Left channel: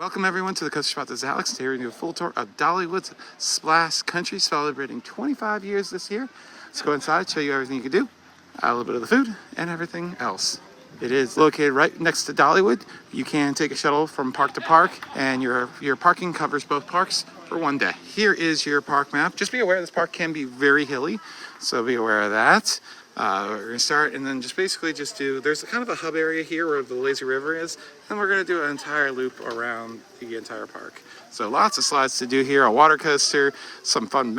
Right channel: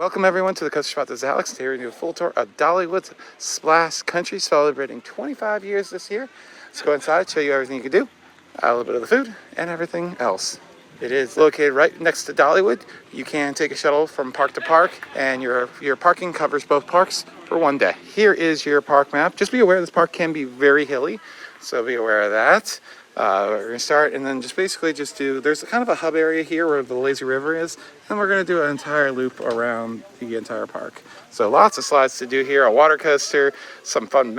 Welcome everyone to the Coaster Spot. This is Alex here to do a full tour of Dollywood's Splash Country, celebrating 25 years this year. Let's go inside, show you everything you can do, a little bit of the food, and everything else. It is located right next to Dollywood. You can take a shuttle from park to park, and your parking covers both parks for one day. Here is your park map. Just be aware this park can be very hilly, so be aware of that. We're gonna start and then just do, there's kind of a hub area here where the lazy river is, and we're gonna do an entire loop around the entire park. So lots of slides to do here, a water coaster, some fun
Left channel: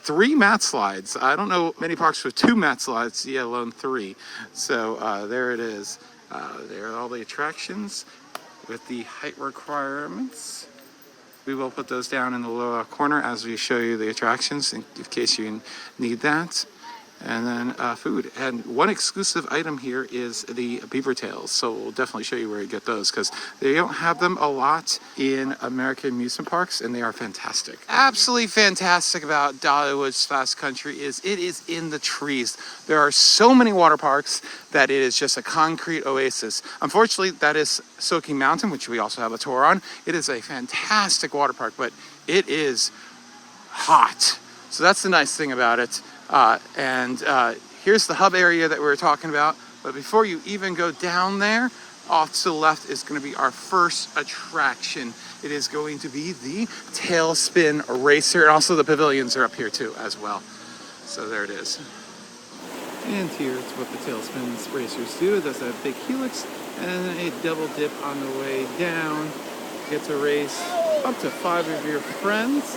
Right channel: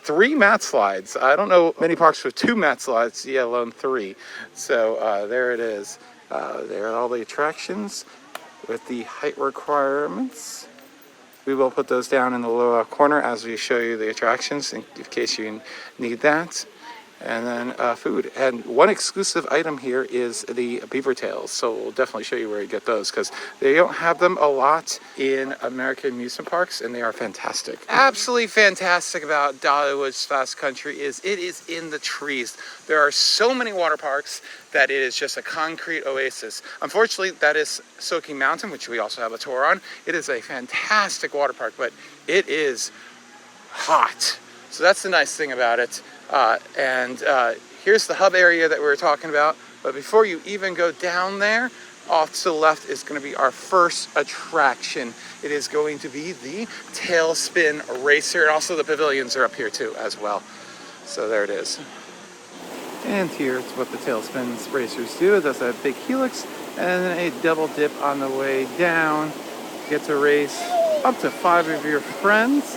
three mat slides. I don't know many parks with 2 mat slides, yet alone 3. So there it is. There are all the attractions with the height requirements. We will put those down in the lower corner as we show you the attractions in case you need that. And then food. And one exclusive item here is the beaver tails. So we'll definitely show you where you get those because they don't have them a lot in American amusement parks, and they are fantastic. Absolutely fantastic about Dollywood Splash Country is it is in the trees. There are so many water parks that it is just a concrete oasis. Unfortunately, that is Soaking Mountain, which we also have a tour on. It is a fantastic water park, but it is hot. So that's the nice thing about it. Here's the hub area that we were talking about. But before you even go down there, off to the left is going to be our first attraction. It is going to be the Tailspin Racer, and also the pavilions are up here too as well. So there it is. And here's what the Tailspin Racers do. It does a big helix and then a double dip on the way down. Get to race up to 5 of your friends.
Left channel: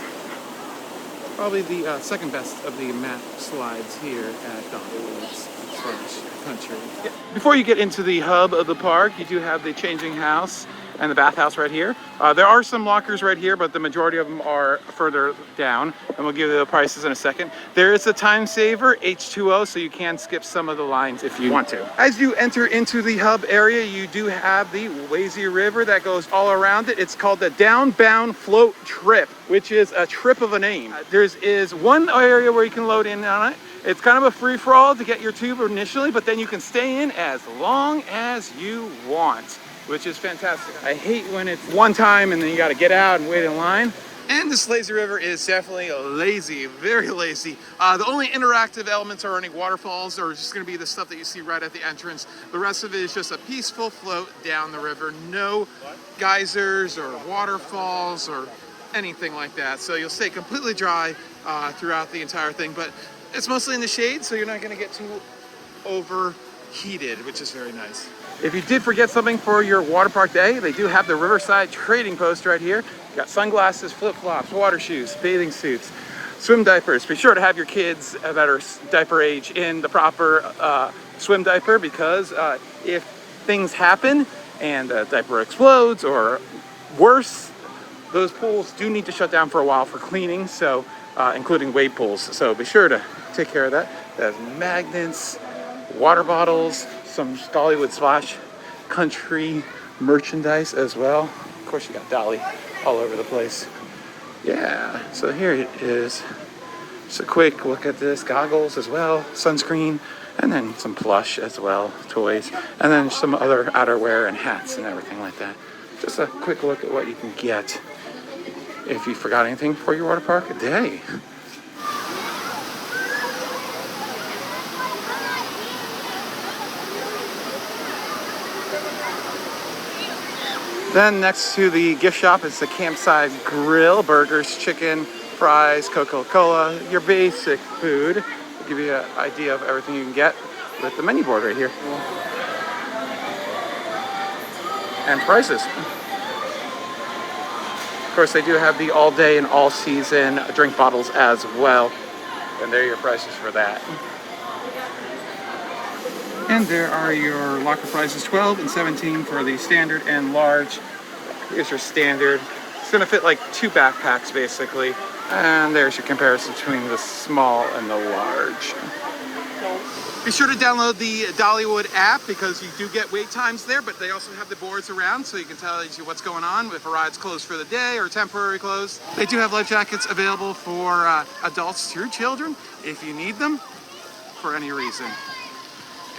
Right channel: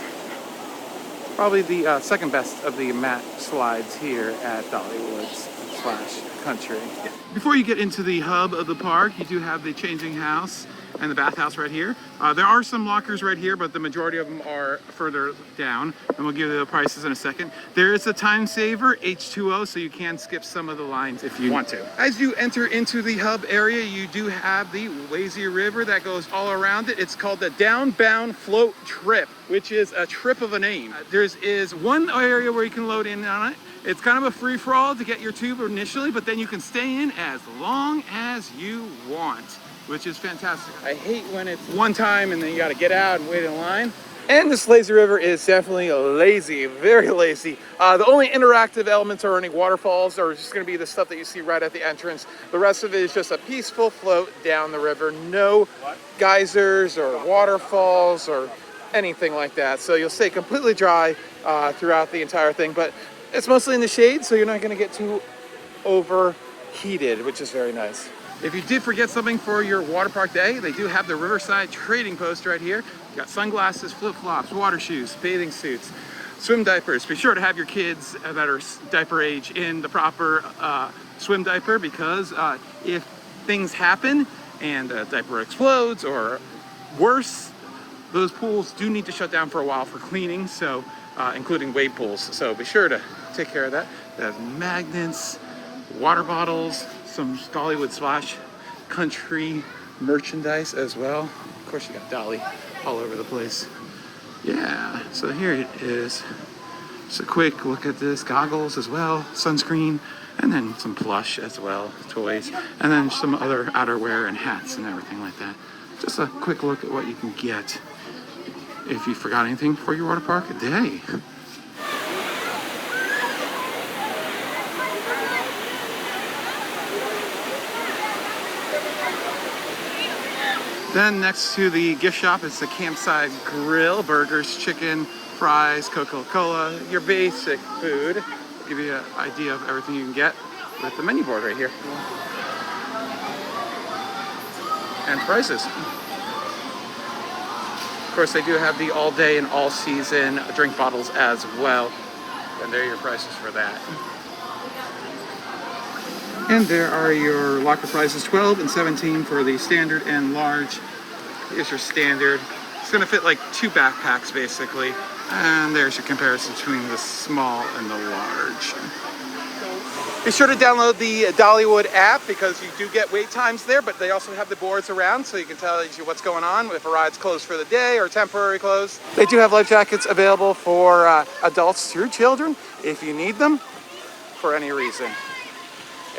Probably the second best of the mat slides here at Dollywood's Splash Country. Yeah. Before you get into the hub of the park, you do have the changing house and the bathhouse right here. There are some lockers right here, but the majority of them are further down, and we'll give you the prices in a second. There is a time saver, H2O, so you can skip some of the lines if you want to. As you enter into the hub area, you do have the lazy river that goes all around it. It's called the Downbound Float Trip, which is a trip of a name. There is one area where you can load in on it. It's kind of a free-for-all to get your tube initially, but then you can stay in as long as you want, which is fantastic. I hate when it's one time and then you gotta get out and wait in line. And this lazy river is definitely lazy, very lazy. The only interactive elements are any waterfalls, or just gonna be the stuff that you see right at the entrance. The rest of it is just a peaceful float down the river. No geysers or waterfalls or anything like that. So you'll stay completely dry throughout the entire thing, but it's mostly in the shade, so you're not gonna get too overheated, which is very nice. If you did forget something for your water park day, they do have the Riverside trading post right here. You got sunglasses, flip-flops, water shoes, bathing suits, swim diapers. Be sure to have your kids that are diaper age in the proper swim diaper, because if things happen and the diaper explodes or worse, those pools do need to shut down for a while for cleaning, so including wade pools. So be sure to take care of that. They have magnets, water bottles, some Dollywood Splash Country merchandise as well. Of course, you got Dolly all over the place. Yeah, so here it is. Just a quick look at this. Goggles as well, sunscreen, and then some plush as well, toys, and then some other outerwear and hats and everything like that. Just a quick look at what you can get if you forgot anything for your water park day. Then next to the gift shop is the Campside Grill, burgers, chicken, fries, Coca-Cola, your basic food. Give you an idea of everything you can get with the menu board right here. And prices. Of course, they do have the all day and all season drink bottles as well. And there are your prices for that. And there are your locker prices, 12 and 17 for the standard and large. Here's your standard. It's gonna fit like 2 backpacks basically. And there's your comparison between the small and the large. Be sure to download the Dollywood app because you do get wait times there, but they also have the boards around so you can tell you what's going on, if a ride's closed for the day or temporary closed. They do have life jackets available for adults through children if you need them for any reason.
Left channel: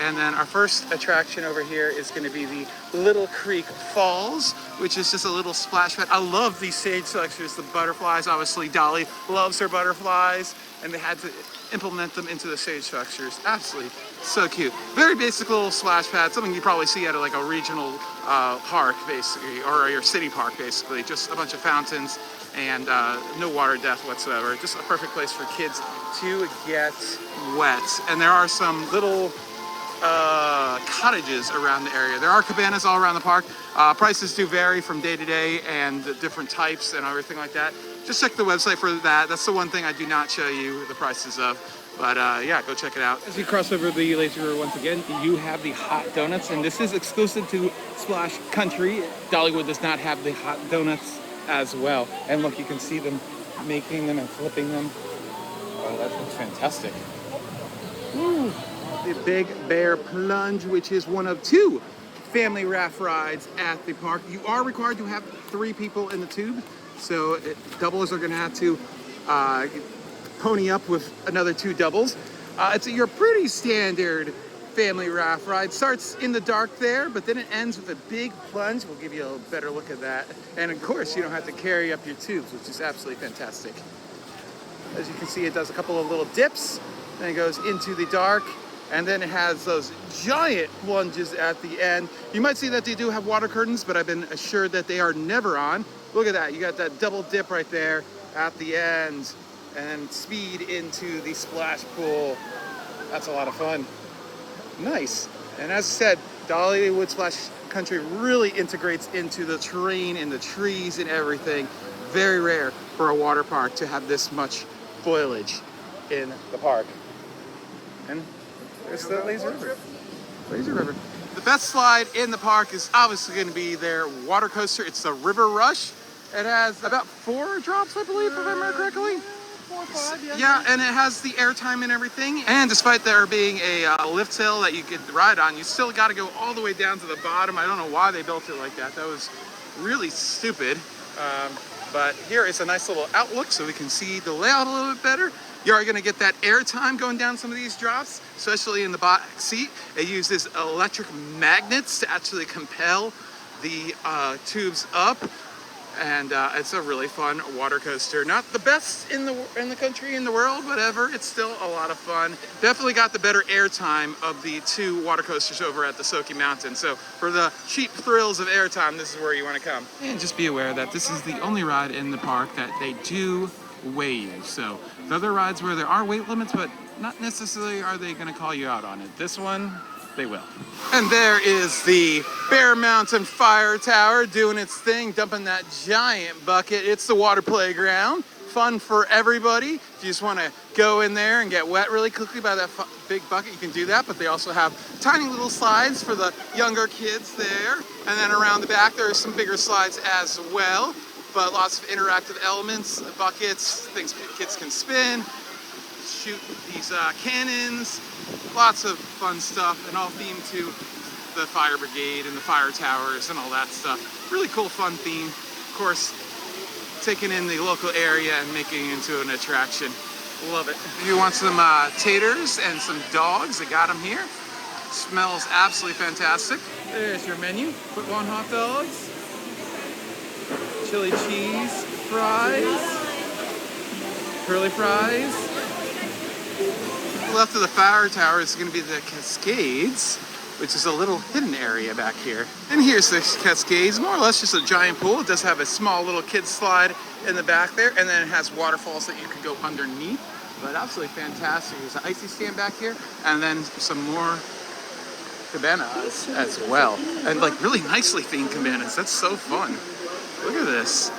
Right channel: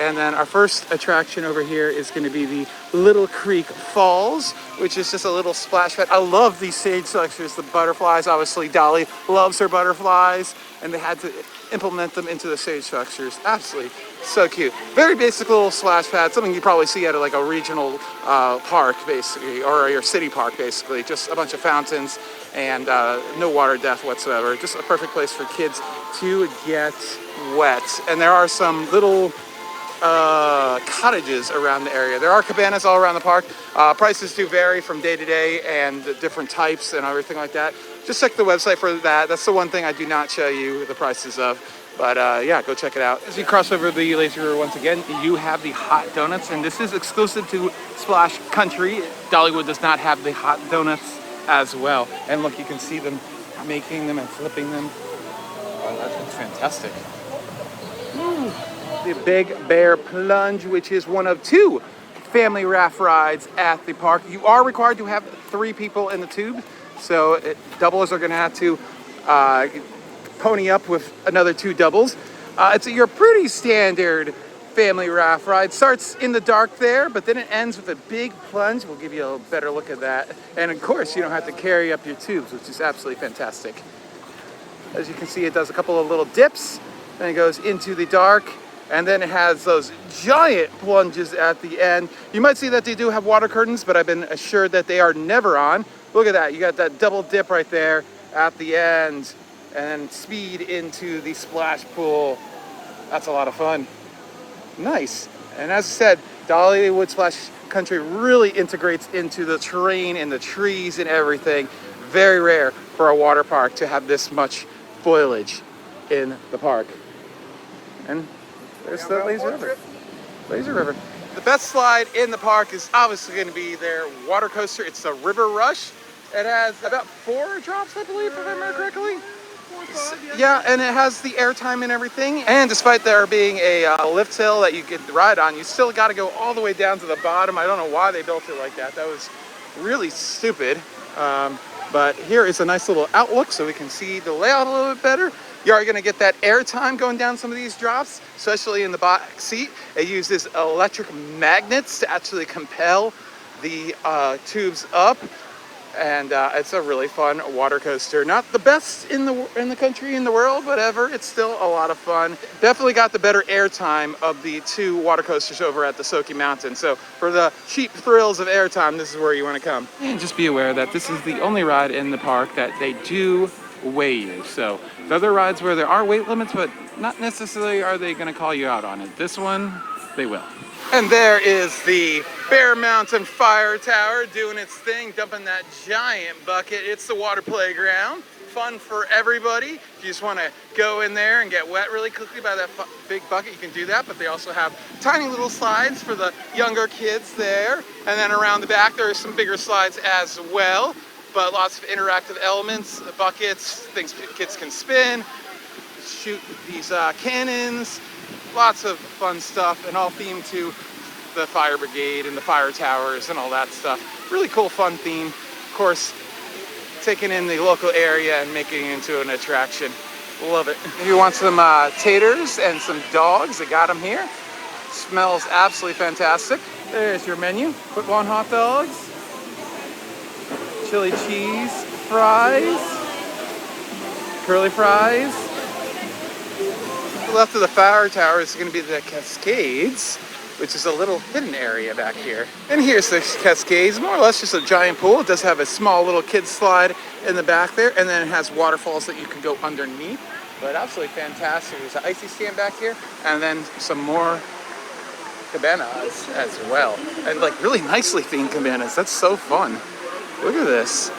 And then our first attraction over here is going to be the Little Creek Falls, which is just a little splash pad. I love these stage structures, the butterflies. Obviously, Dolly loves her butterflies, and they had to implement them into the stage structures. Absolutely so cute. Very basic little splash pad, something you probably see at like a regional park, basically, or your city park, basically. Just a bunch of fountains and no water depth whatsoever. Just a perfect place for kids to get wet. And there are some little cottages around the area. There are cabanas all around the park. Prices do vary from day to day and different types and everything like that. Just check the website for that. That's the one thing I do not show you the prices of. But yeah, go check it out. As you cross over the Lazy River once again, you have the hot donuts, and this is exclusive to Splash Country. Dollywood does not have the hot donuts as well. And look, you can see them making them and flipping them. That's fantastic. The Big Bear Plunge, which is one of 2 family raft rides at the park. You are required to have 3 people in the tube, so doubles are going to have to pony up with another 2 doubles. It's your pretty standard family raft ride. Starts in the dark there, but then it ends with a big plunge. We'll give you a better look at that. And of course, you don't have to carry up your tubes, which is absolutely fantastic. As you can see, it does a couple of little dips, then it goes into the dark, and then it has those giant plunges at the end. You might see that they do have water curtains, but I've been assured that they are never on. Look at that, you got that double dip right there at the end, and speed into the splash pool. That's a lot of fun. Nice. And as I said, Dollywood Splash Country really integrates into the terrain and the trees and everything. Very rare for a water park to have this much foliage in the park. And there's the Lazy River. Lazy River. The best slide in the park is obviously going to be their water coaster. It's the River Rush. It has about 4 drops, I believe, if I remember correctly. Yeah, and it has the airtime and everything. And despite there being a lift hill that you can ride on, you still got to go all the way down to the bottom. I don't know why they built it like that. That was really stupid. But here is a nice little outlook so we can see the layout a little bit better. You are going to get that airtime going down some of these drops, especially in the back seat. It uses electric magnets to actually compel the tubes up. And it's a really fun water coaster. Not the best in the country, in the world, whatever. It's still a lot of fun. Definitely got the better airtime of the 2 water coasters over at the Smoky Mountain. So for the cheap thrills of airtime, this is where you want to come. And just be aware that this is the only ride in the park that they do weigh you. So the other rides where there are weight limits, but not necessarily are they going to call you out on it. This one, they will. And there is the Bear Mountain Fire Tower doing its thing, dumping that giant bucket. It's the water playground. Fun for everybody. If you just want to go in there and get wet really quickly by that big bucket, you can do that. But they also have tiny little slides for the younger kids there. And then around the back, there are some bigger slides as well. But lots of interactive elements, buckets, things kids can spin, shoot these cannons. Lots of fun stuff, and all themed to the fire brigade and the fire towers and all that stuff. Really cool, fun theme. Of course, taking in the local area and making it into an attraction. Love it. If you want some taters and some dogs, they got them here. Smells absolutely fantastic. There's your menu. Foot-long hot dogs, chili cheese fries, curly fries. Left of the fire tower is going to be the Cascades, which is a little hidden area back here. And here's the Cascades, more or less just a giant pool. It does have a small little kid slide in the back there, and then it has waterfalls that you can go underneath. But absolutely fantastic. There's an icy stand back here, and then some more cabanas as well. And like really nicely themed cabanas. That's so fun. Look at this.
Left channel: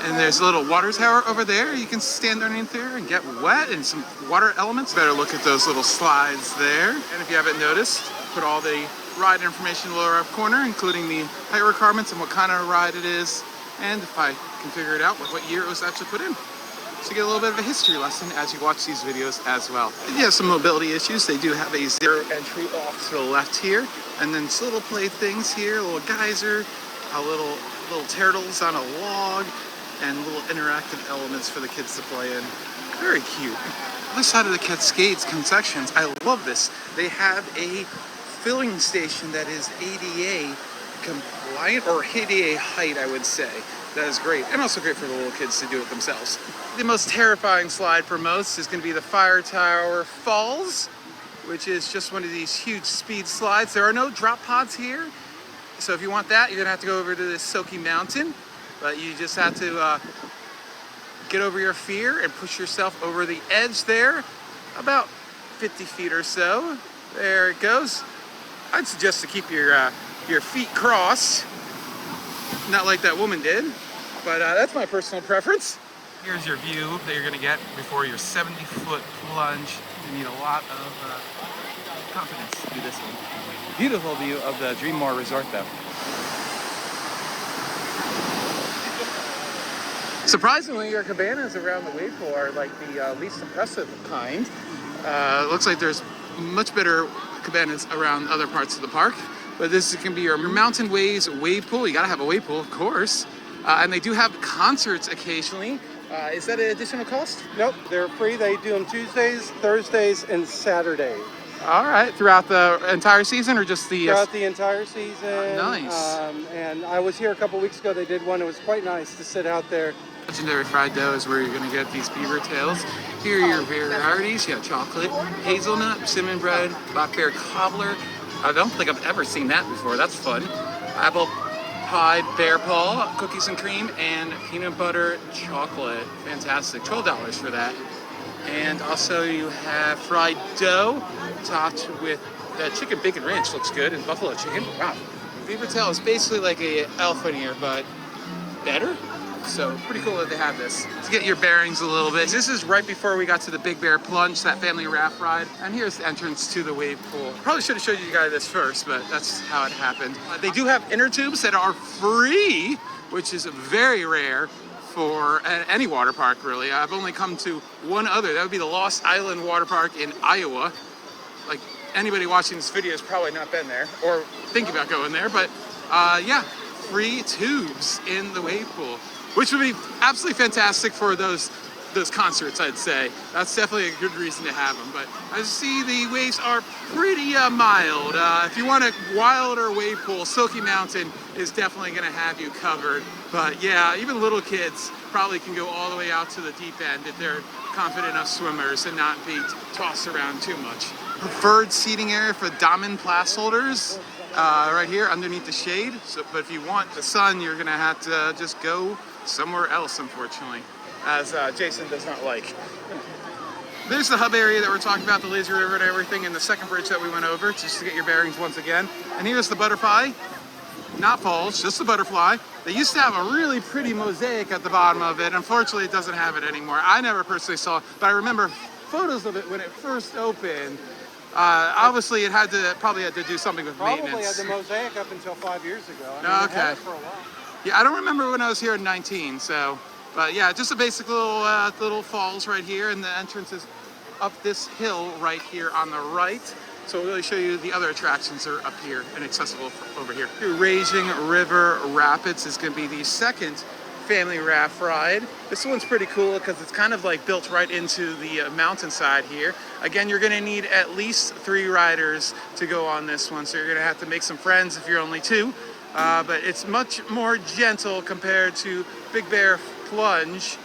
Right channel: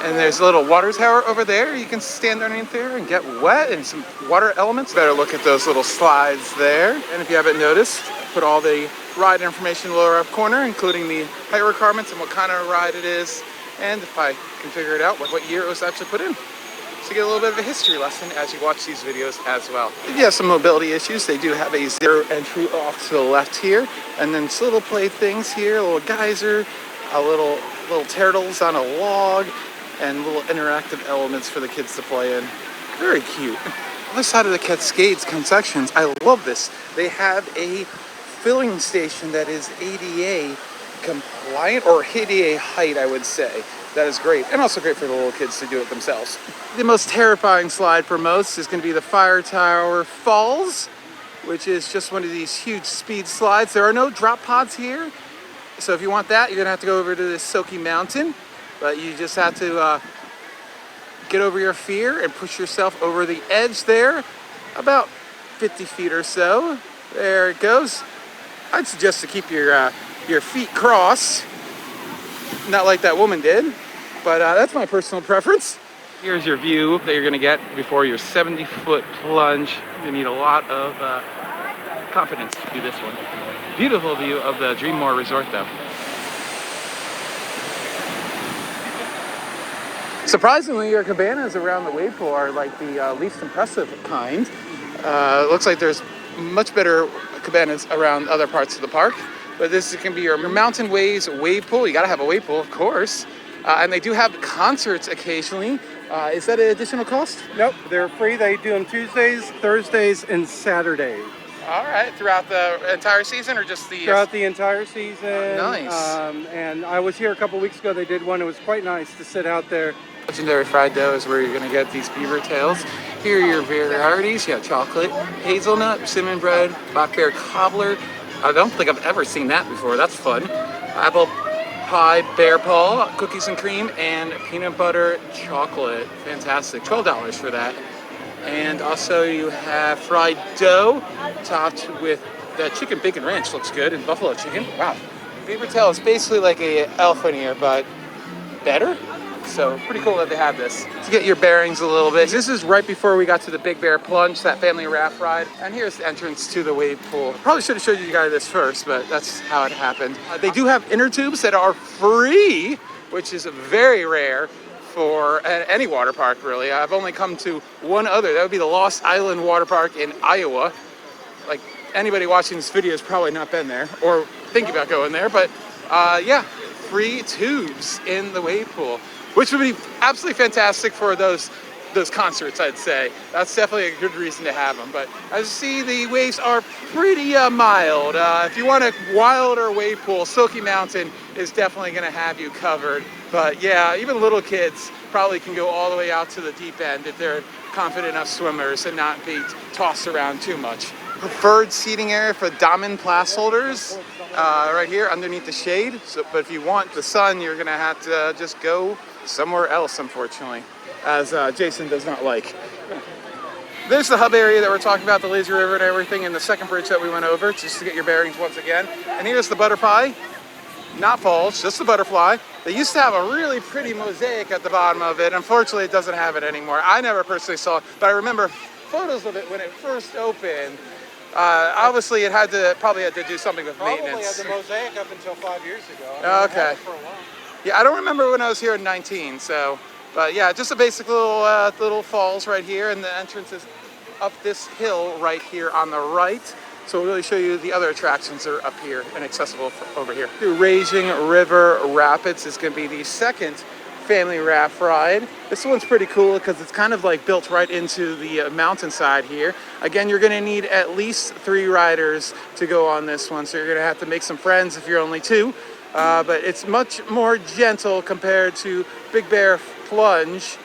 And there's a little water tower over there. You can stand underneath there and get wet, and some water elements. Better look at those little slides there. And if you haven't noticed, I put all the ride information in the lower left corner, including the height requirements and what kind of ride it is. And if I can figure it out, what year it was actually put in. So you get a little bit of a history lesson as you watch these videos as well. If you have some mobility issues, they do have a 0 entry off to the left here. And then some little play things here, a little geyser, a little turtles on a log, and little interactive elements for the kids to play in. Very cute. Other side of the Cascades concessions, I love this. They have a filling station that is ADA compliant, or ADA height, I would say. That is great, and also great for the little kids to do it themselves. The most terrifying slide for most is going to be the Fire Tower Falls, which is just one of these huge speed slides. There are no drop pods here, so if you want that, you're going to have to go over to this Silky Mountain, but you just have to get over your fear and push yourself over the edge there, about 50 feet or so. There it goes. I'd suggest to keep your feet crossed, not like that woman did, but that's my personal preference. Here's your view that you're gonna get before your 70-foot plunge. You need a lot of confidence to do this one. Beautiful view of the Dreammore Resort though. Surprisingly, your cabanas around the wave pool are like the least impressive kind. It looks like there's much better cabanas around other parts of the park. But this can be your Mountain Waves wave pool. You gotta have a wave pool, of course. And they do have concerts occasionally. Is that an additional cost? Nope, they're free. They do them Tuesdays, Thursdays, and Saturdays. All right, throughout the entire season or just the... Throughout the entire season. Nice. And I was here a couple weeks ago. They did one. It was quite nice to sit out there. Legendary fried dough is where you're gonna get these beaver tails. Here are your varieties. You have chocolate, hazelnut, cinnamon bread, black bear cobbler. I don't think I've ever seen that before. That's fun. Apple pie, bear paw, cookies and cream, and peanut butter chocolate. Fantastic. $12 for that. And also you have fried dough topped with the chicken bacon ranch. Looks good, and buffalo chicken. Wow. Beaver tail is basically like a elephant ear, but better. So pretty cool that they have this. To get your bearings a little bit, this is right before we got to the Big Bear Plunge, that family raft ride. And here's the entrance to the wave pool. Probably should have showed you guys this first, but that's how it happened. They do have inner tubes that are free, which is very rare for any water park, really. I've only come to one other. That would be the Lost Island Water Park in Iowa. Like, anybody watching this video has probably not been there or thinking about going there, but yeah, free tubes in the wave pool, which would be absolutely fantastic for those concerts, I'd say. That's definitely a good reason to have them. But as you see, the waves are pretty mild. If you want a wilder wave pool, Silky Mountain is definitely going to have you covered. But yeah, even little kids probably can go all the way out to the deep end if they're confident enough swimmers and not be tossed around too much. Preferred seating area for diamond pass holders. Right here underneath the shade. But if you want the sun, you're gonna have to just go somewhere else, unfortunately, as Jason does not like. There's the hub area that we're talking about, the lazy river and everything, and the second bridge that we went over, just to get your bearings once again. And here's the butterfly, not falls, just the butterfly. They used to have a really pretty mosaic at the bottom of it. Unfortunately, it doesn't have it anymore. I never personally saw it, but I remember photos of it when it first opened. Obviously, it probably had to do something with maintenance. Probably had the mosaic up until 5 years ago. Okay. Yeah, I don't remember when I was here in 19, so, but yeah, just a basic little falls right here, and the entrance is up this hill right here on the right. So we'll really show you the other attractions that are up here and accessible over here. The Raging River Rapids is going to be the second family raft ride. This one's pretty cool because it's kind of like built right into the mountainside here. Again, you're going to need at least 3 riders to go on this one, so you're going to have to make some friends if you're only 2. But it's much more gentle compared to Big Bear Plunge,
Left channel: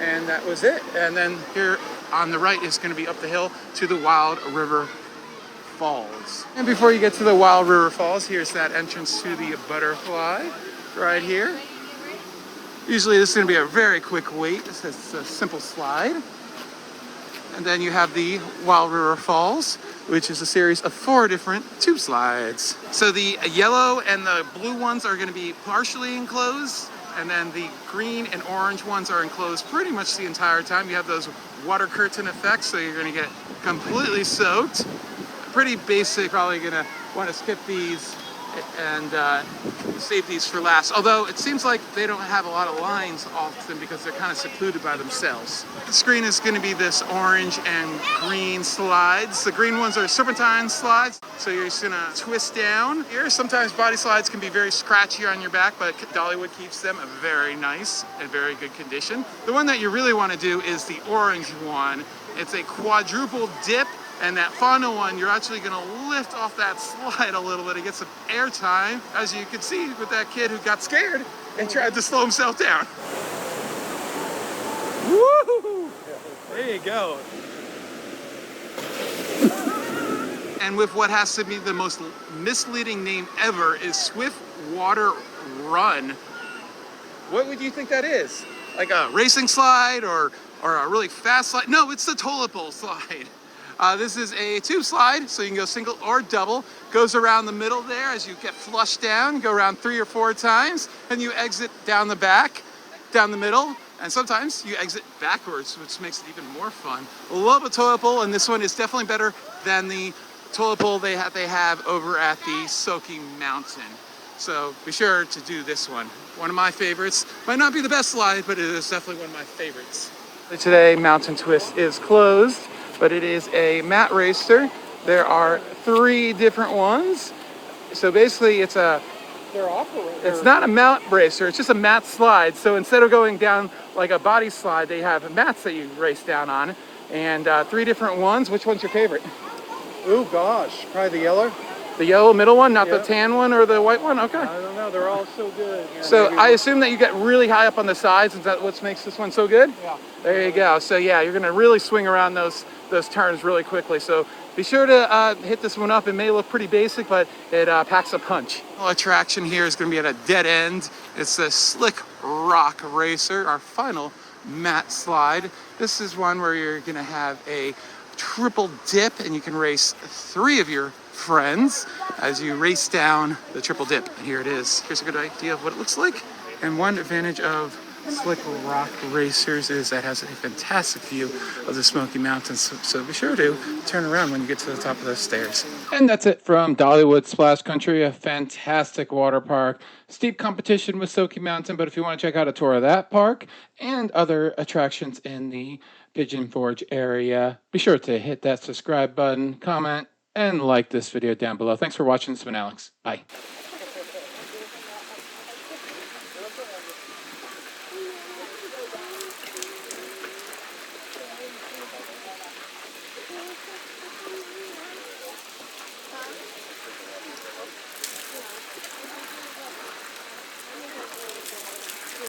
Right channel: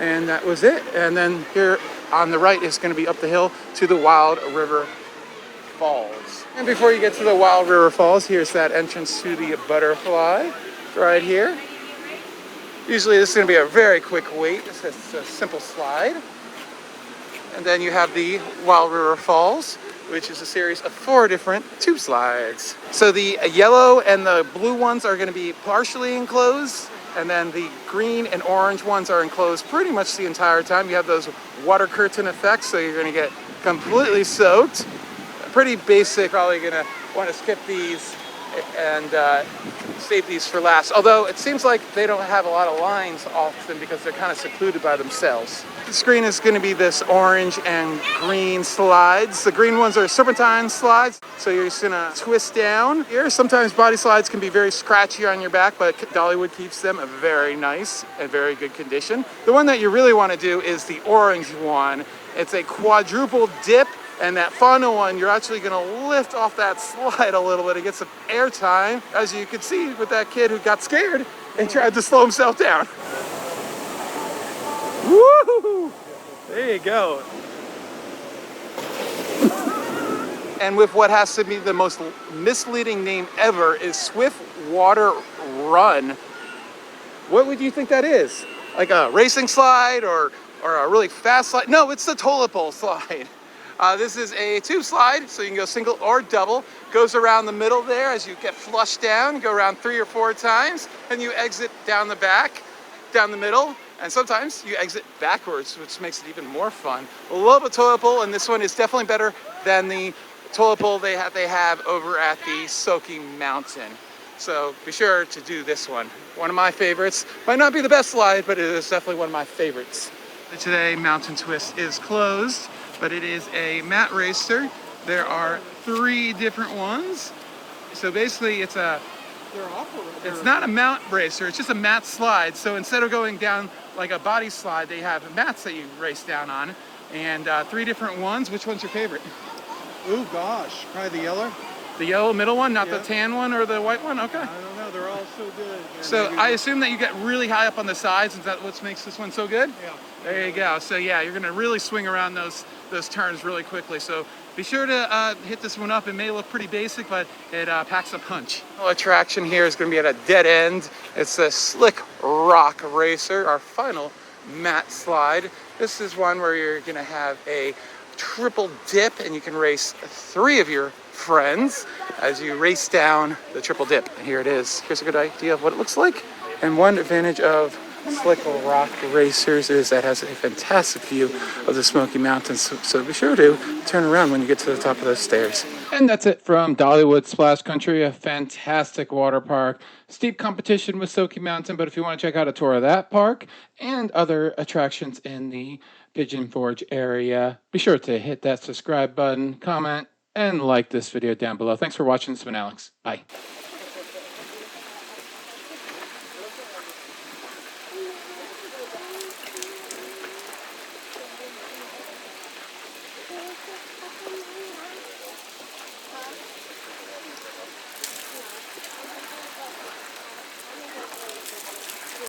and that was it. And then here on the right is going to be up the hill to the Wild River Falls. And before you get to the Wild River Falls, here's that entrance to the butterfly right here. Usually this is going to be a very quick wait. This is a simple slide. And then you have the Wild River Falls, which is a series of 4 different tube slides. So the yellow and the blue ones are going to be partially enclosed, and then the green and orange ones are enclosed pretty much the entire time. You have those water curtain effects, so you're going to get completely soaked. Pretty basic, probably going to want to skip these and save these for last. Although it seems like they don't have a lot of lines often because they're kind of secluded by themselves. The screen is going to be this orange and green slides. The green ones are serpentine slides, so you're just going to twist down here. Sometimes body slides can be very scratchy on your back, but Dollywood keeps them very nice and very good condition. The one that you really want to do is the orange one. It's a quadruple dip. And that final one, you're actually gonna lift off that slide a little bit to get some air time, as you can see with that kid who got scared and tried to slow himself down. Woo! There you go. And with what has to be the most misleading name ever is Swift Water Run. What would you think that is? Like a racing slide or a really fast slide? No, it's the toilet bowl slide. This is a tube slide, so you can go single or double. Goes around the middle there as you get flushed down. Go around 3 or 4 times, and you exit down the back, down the middle, and sometimes you exit backwards, which makes it even more fun. Love a toilet bowl, and this one is definitely better than the toilet bowl they have over at the Soaky Mountain. So be sure to do this one. One of my favorites. Might not be the best slide, but it is definitely one of my favorites. Today, Mountain Twist is closed, but it is a mat racer. There are 3 different ones. So basically it's not a mat racer, it's just a mat slide. So instead of going down like a body slide, they have mats that you race down on. And 3 different ones. Which one's your favorite? Oh gosh, probably the yellow. The yellow middle one, not the tan one or the white one? Okay. I don't know, they're all so good. Yeah, so I assume that you get really high up on the sides. Is that what makes this one so good? Yeah. There you go. So yeah, you're gonna really swing around those turns really quickly. So be sure to hit this one up. It may look pretty basic, but it packs a punch. The attraction here is gonna be at a dead end. It's a Slick Rock Racer, our final mat slide. This is one where you're gonna have a triple dip, and you can race 3 of your friends as you race down the triple dip. And here it is. Here's a good idea of what it looks like. And one advantage of Slick Rock Racers is that it has a fantastic view of the Smoky Mountains. So be sure to turn around when you get to the top of those stairs. And that's it from Dollywood Splash Country, a fantastic water park. Steep competition with Smoky Mountain, but if you want to check out a tour of that park and other attractions in the Pigeon Forge area, be sure to hit that subscribe button, comment, and like this video down below. Thanks for watching. This has been Alex. Bye.